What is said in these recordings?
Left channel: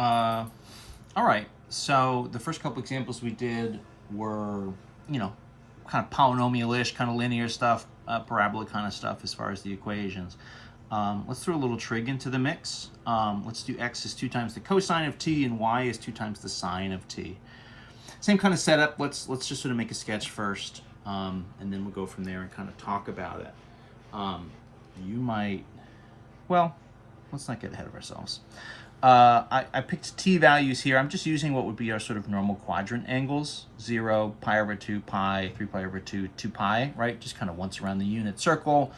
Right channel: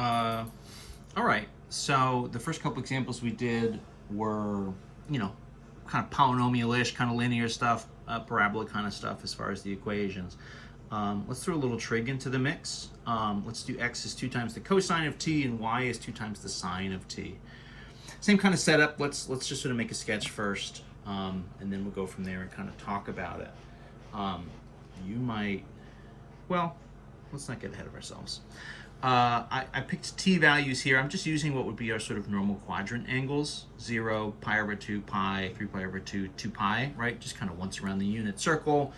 All right, so the first couple examples we did were, kind of polynomial-ish, kind of linear stuff, parabola kind of stuff as far as the equations. Let's throw a little trig into the mix. Let's do x is 2 times the cosine of t and y is 2 times the sine of t. Same kind of setup. Let's just sort of make a sketch first, and then we'll go from there and kind of talk about it. You might, well, let's not get ahead of ourselves. I picked t values here. I'm just using what would be our sort of normal quadrant angles: 0, pi over 2, pi, 3 pi over 2, 2 pi, right? Just kind of once around the unit circle.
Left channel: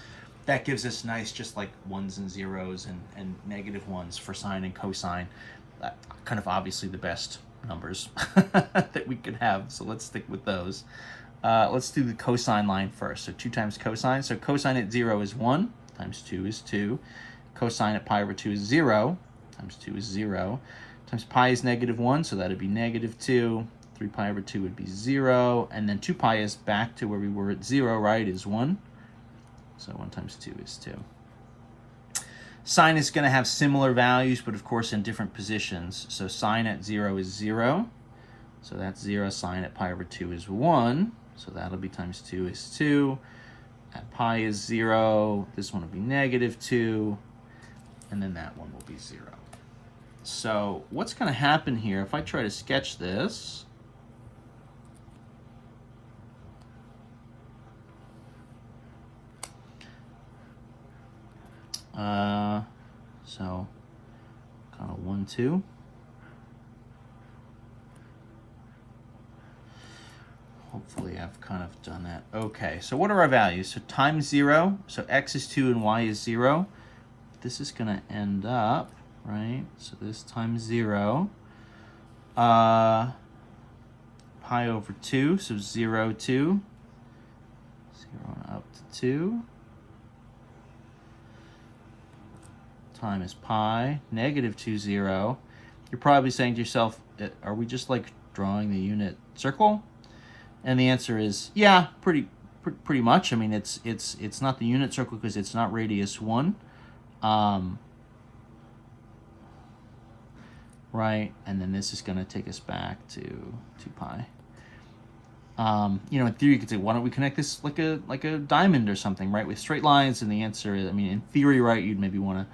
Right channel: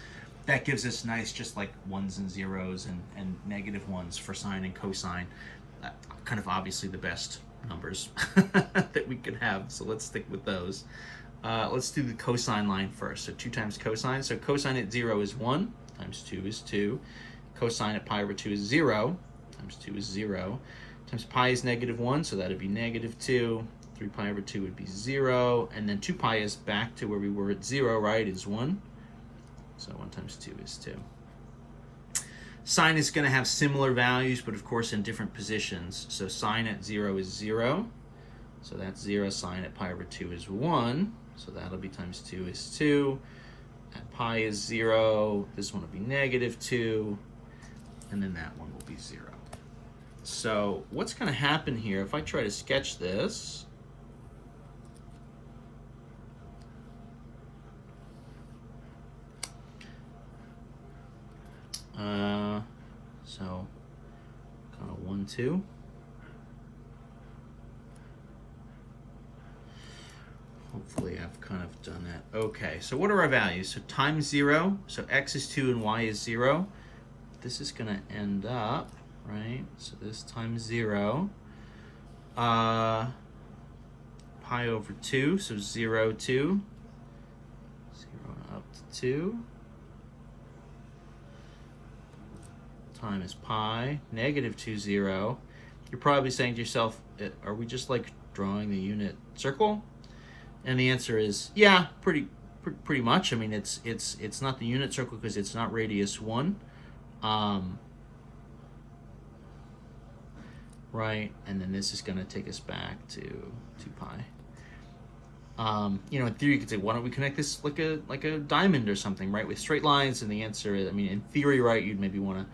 That gives us nice, just like ones and zeros and negative ones for sine and cosine. Kind of obviously the best numbers that we could have, so let's stick with those. Let's do the cosine line first. So 2 times cosine. So cosine at 0 is 1, times 2 is 2. Cosine at pi over 2 is 0, times 2 is 0. Times pi is negative 1, so that would be negative 2. 3 pi over 2 would be 0. And then 2 pi is back to where we were at 0, right, is 1. So 1 times 2 is 2. Sine is going to have similar values, but of course in different positions. So sine at 0 is 0. So that's 0. Sine at pi over 2 is 1. So that'll be times 2 is 2. At pi is 0. This one will be negative 2. And then that one will be 0. So what's going to happen here if I try to sketch this? So kind of 1, 2. Hopefully I've kind of done that. Okay, so what are our values? So times 0, so x is 2 and y is 0. This is going to end up, right? So this times 0. Pi over 2, so 0, 2. 0 up to 2. Times pi, negative 2, 0. You're probably saying to yourself, are we just like drawing the unit circle? And the answer is, yeah, pretty much. I mean, it's not the unit circle because it's not radius 1. Right, and then this is going to take us back to 2 pi. In theory, you could say, why don't we connect this like a diamond or something, right, with straight lines? And the answer is, I mean, in theory, right, you'd maybe want to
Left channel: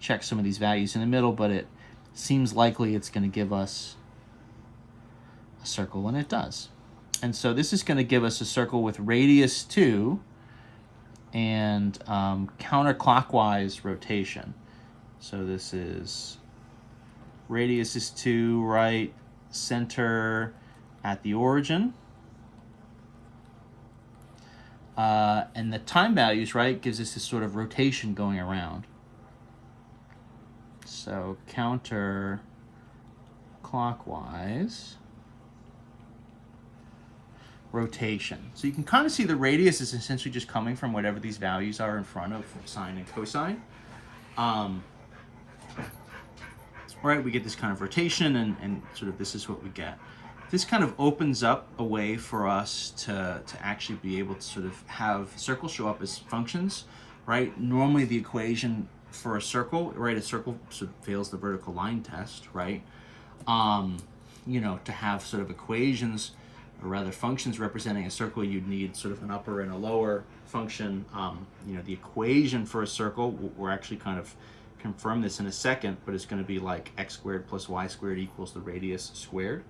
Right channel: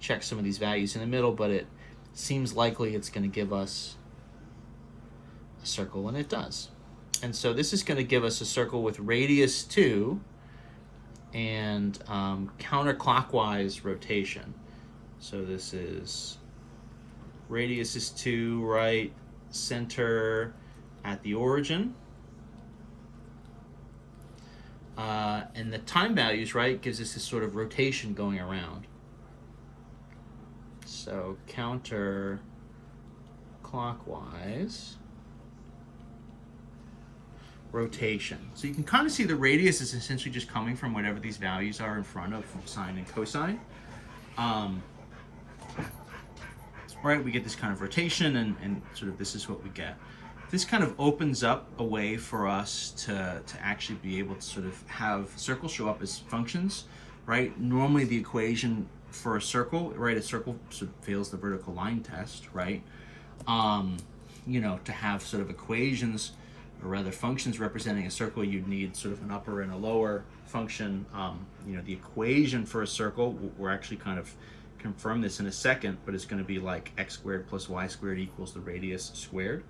check some of these values in the middle, but it seems likely it's going to give us a circle, and it does. And so this is going to give us a circle with radius 2 and counterclockwise rotation. So this is radius is 2, right, center at the origin. And the time values, right, gives us this sort of rotation going around. So counterclockwise rotation. So you can kind of see the radius is essentially just coming from whatever these values are in front of sine and cosine. Right, we get this kind of rotation, and sort of this is what we get. This kind of opens up a way for us to actually be able to sort of have circles show up as functions, right? Normally the equation for a circle, right, a circle sort of fails the vertical line test, right? To have sort of equations, or rather functions representing a circle, you'd need sort of an upper and a lower function. The equation for a circle, we're actually kind of confirm this in a second, but it's going to be like x squared plus y squared equals the radius squared.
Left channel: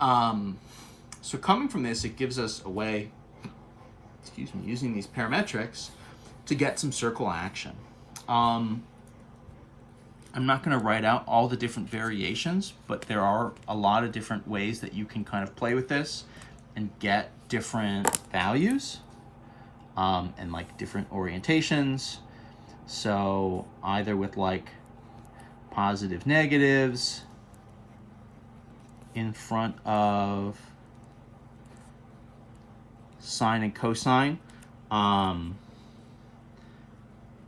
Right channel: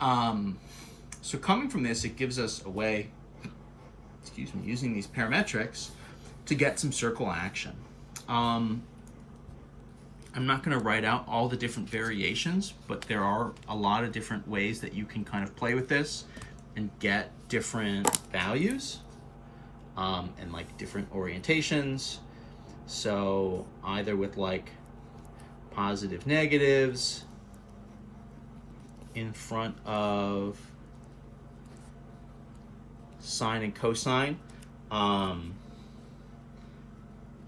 So coming from this, it gives us a way, using these parametrics to get some circle action. I'm not going to write out all the different variations, but there are a lot of different ways that you can kind of play with this and get different values and like different orientations. So either with like positive negatives in front of sine and cosine,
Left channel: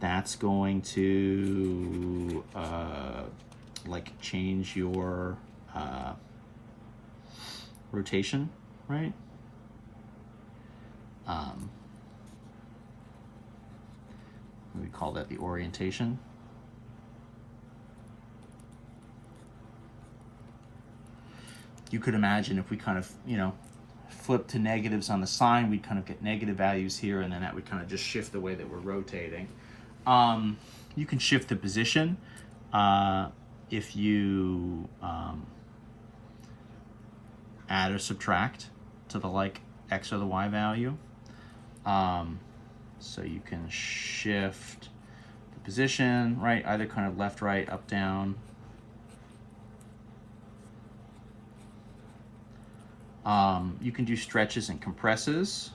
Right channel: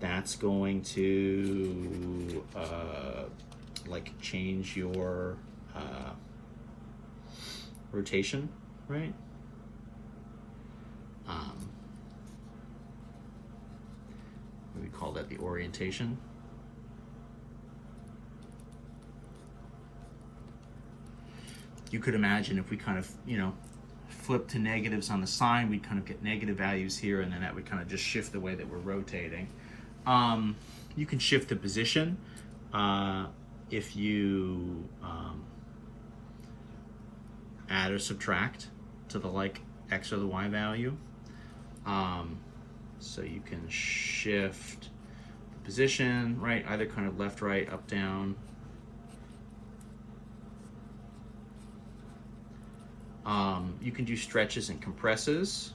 that's going to like change your rotation, right? We call that the orientation. you could imagine if we kind of, flip to negatives on the sign, we'd kind of get negative values here, and then that would kind of just shift the way that we're rotating. You can shift the position if you add or subtract to the x or the y value. So you can shift the position, right, either kind of left, right, up, down. You can do stretches and compresses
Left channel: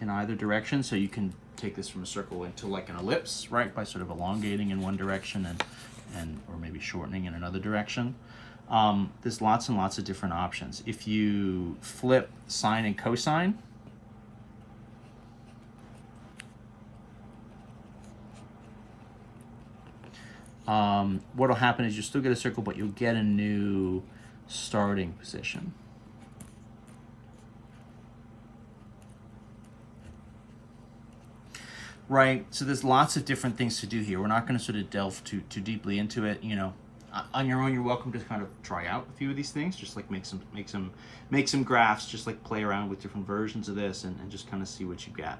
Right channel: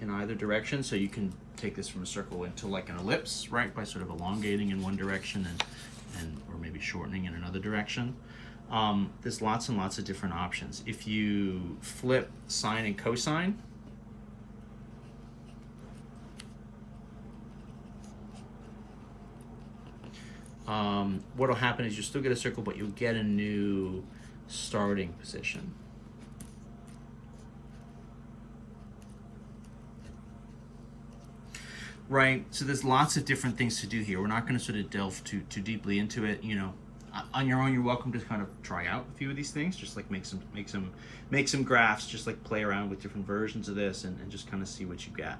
in either direction. So you can take this from a circle into like an ellipse, right, by sort of elongating in one direction and or maybe shortening in another direction. There's lots and lots of different options. If you flip sine and cosine, what will happen is you'll still get a circle, but you'll get a new starting position. Right, so there's lots of different things to do here. We're not going to sort of delve too deeply into it. On your own, you're welcome to kind of try out a few of these things, just like make some graphs, just like play around with different versions of this, and just kind of see what you get.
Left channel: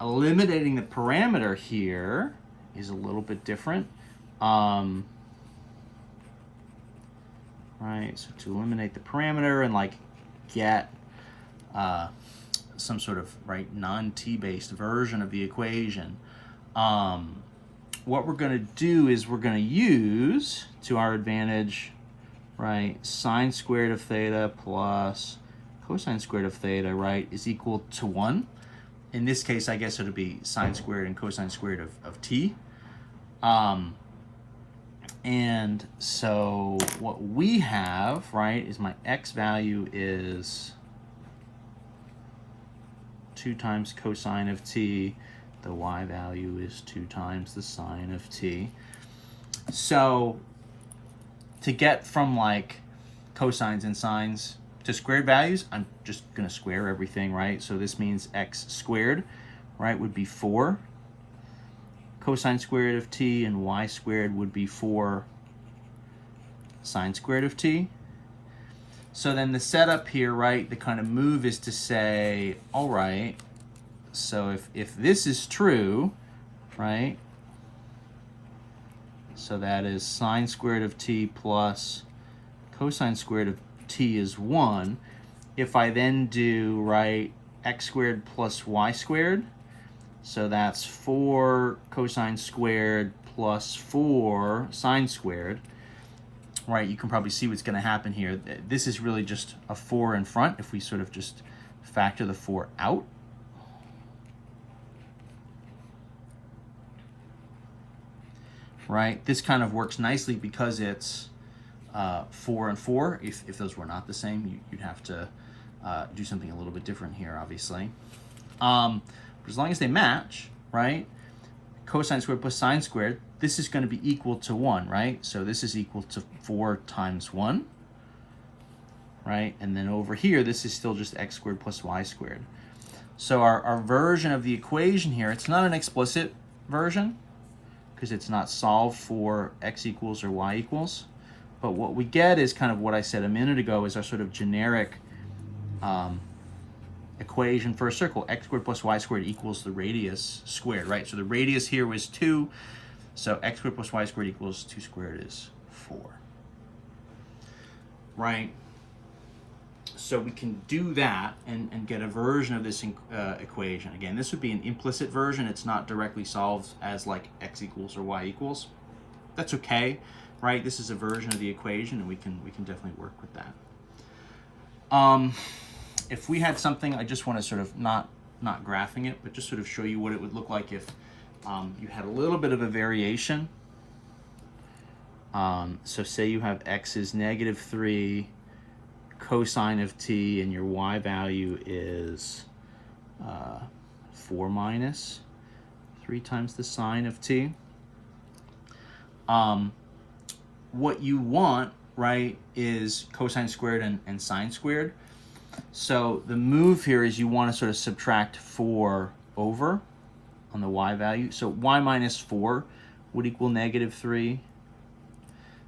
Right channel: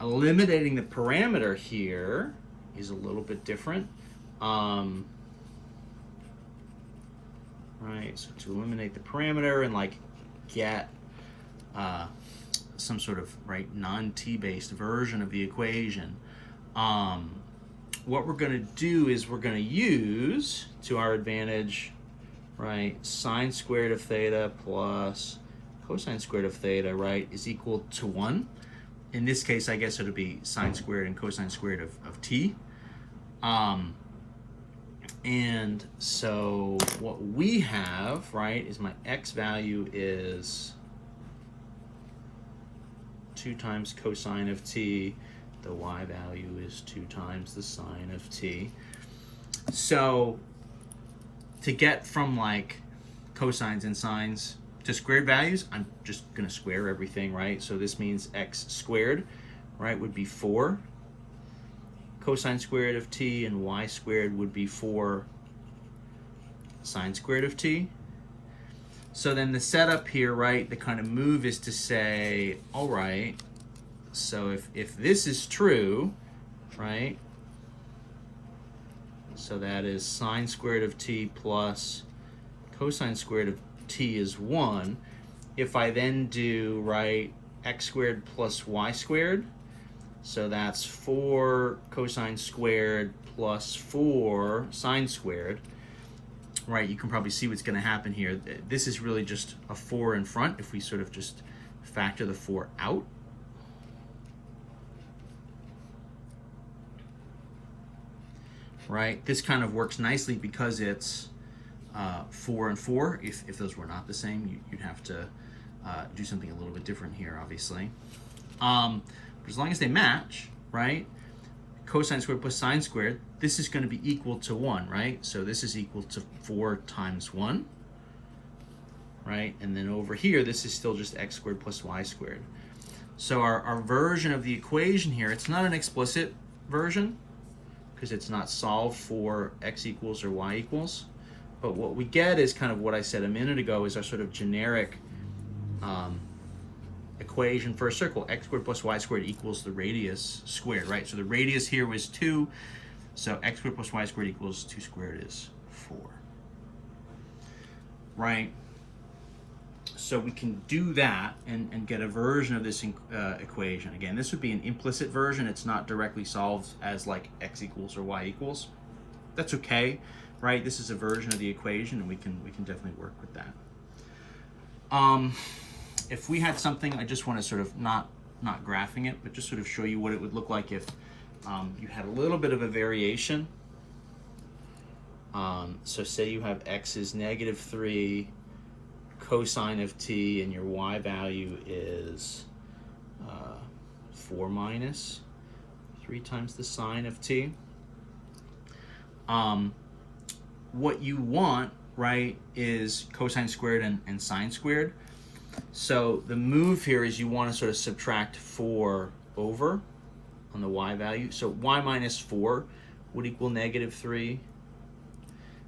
Eliminating the parameter here is a little bit different. Right, so to eliminate the parameter and like get some sort of non-t based version of the equation, what we're going to do is we're going to use to our advantage, right, sine squared of theta plus cosine squared of theta, right, is equal to 1. In this case, I guess it'll be sine squared and cosine squared of t. And so what we have, right, is my x value is 2 times cosine of t. The y value is 2 times the sine of t. So to get from cosines and sines to squared values, I'm just going to square everything, right? So this means x squared, right, would be 4. Cosine squared of t and y squared would be 4 sine squared of t. So then the setup here, right, the kind of move is to say, all right, so if this is true, right, so that is sine squared of t plus cosine squared of t is 1. If I then do, right, x squared plus y squared, so that's 4 cosine squared plus 4 sine squared, right, you can probably see what's going to happen here. This is really just a 4 in front if we sort of just factor the 4 out. Right, this kind of works nicely because it's 4 and 4. If those were not the same, you'd have to do something a little bit different here, obviously. But as long as they match, right, cosine squared plus sine squared, this is going to be equal to 1, right? So this is equal to 4 times 1, right? And then over here, this is still just x squared plus y squared. So our version of the equation here, it's not an explicit version because it's not solved for x equals or y equals. But what we get is kind of what I said a minute ago is our sort of generic equation for a circle. X squared plus y squared equals the radius squared, right? So the radius here was 2, so x squared plus y squared equals 2 squared is 4, right? So we can do that and get a version of this equation. Again, this would be an implicit version. It's not directly solved as like x equals or y equals. That's okay, right? This is a version of the equation, and we can definitely work with that. If we had something, I just want to sort of not graphing it, but just sort of show you what it would look like if you had a little bit of a variation. So say you have x is -3 cosine of t, and your y value is 4 minus 3 times the sine of t. What you want, right, is cosine squared and sine squared. So the move here is you want to sort of subtract 4 over on the y value. So y minus 4 would equal -3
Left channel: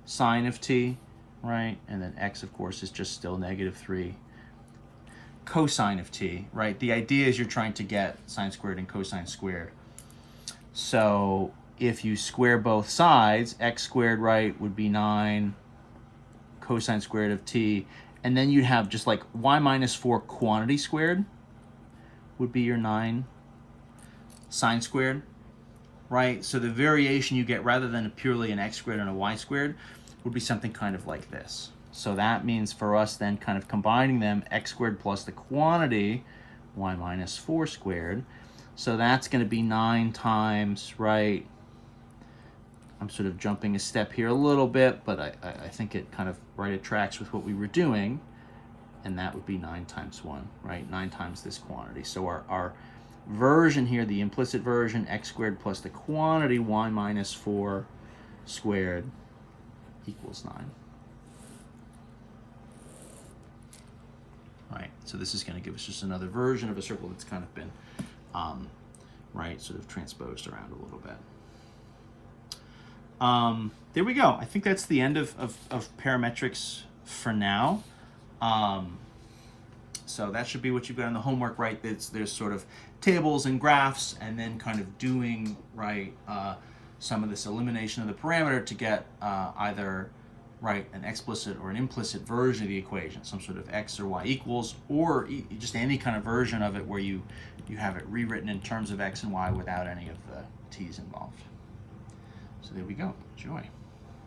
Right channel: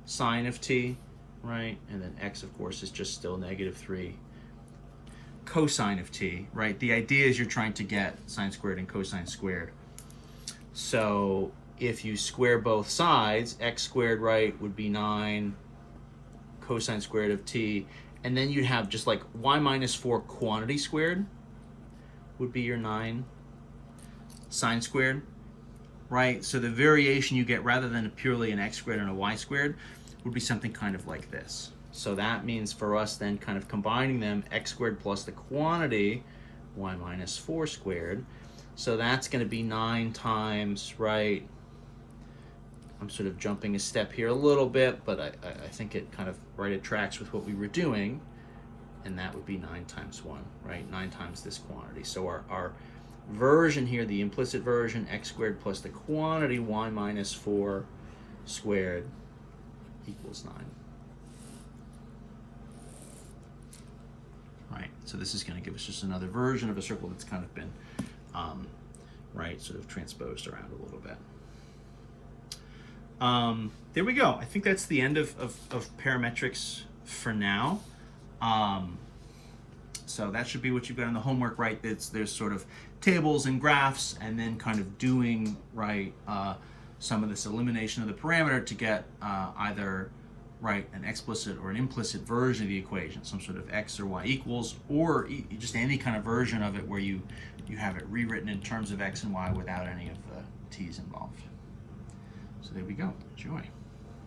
sine of t, right? And then x, of course, is just still -3 cosine of t, right? The idea is you're trying to get sine squared and cosine squared. So if you square both sides, x squared, right, would be 9 cosine squared of t, and then you'd have just like y minus 4 quantity squared would be your 9 sine squared, right? So the variation you get rather than purely an x squared and a y squared would be something kind of like this. So that means for us then kind of combining them, x squared plus the quantity, y minus 4 squared. So that's going to be 9 times, right? I'm sort of jumping a step here a little bit, but I think it kind of, right, it tracks with what we were doing. And that would be 9 times 1, right? 9 times this quantity. So our version here, the implicit version, x squared plus the quantity, y minus 4 squared equals 9. Right, so this is going to give us just another version of a circle that's kind of been, right, sort of transposed around a little bit. There we go. I think that's the end of parametrics for now. So that should be what you've got in the homework, right? There's sort of tables and graphs, and then kind of doing, right, some of this elimination of the parameter to get either, right, an explicit or an implicit version of the equation, some sort of x or y equals, or just any kind of version of it where you have it rewritten in terms of x and y without any of the t's involved. So there we go. Enjoy.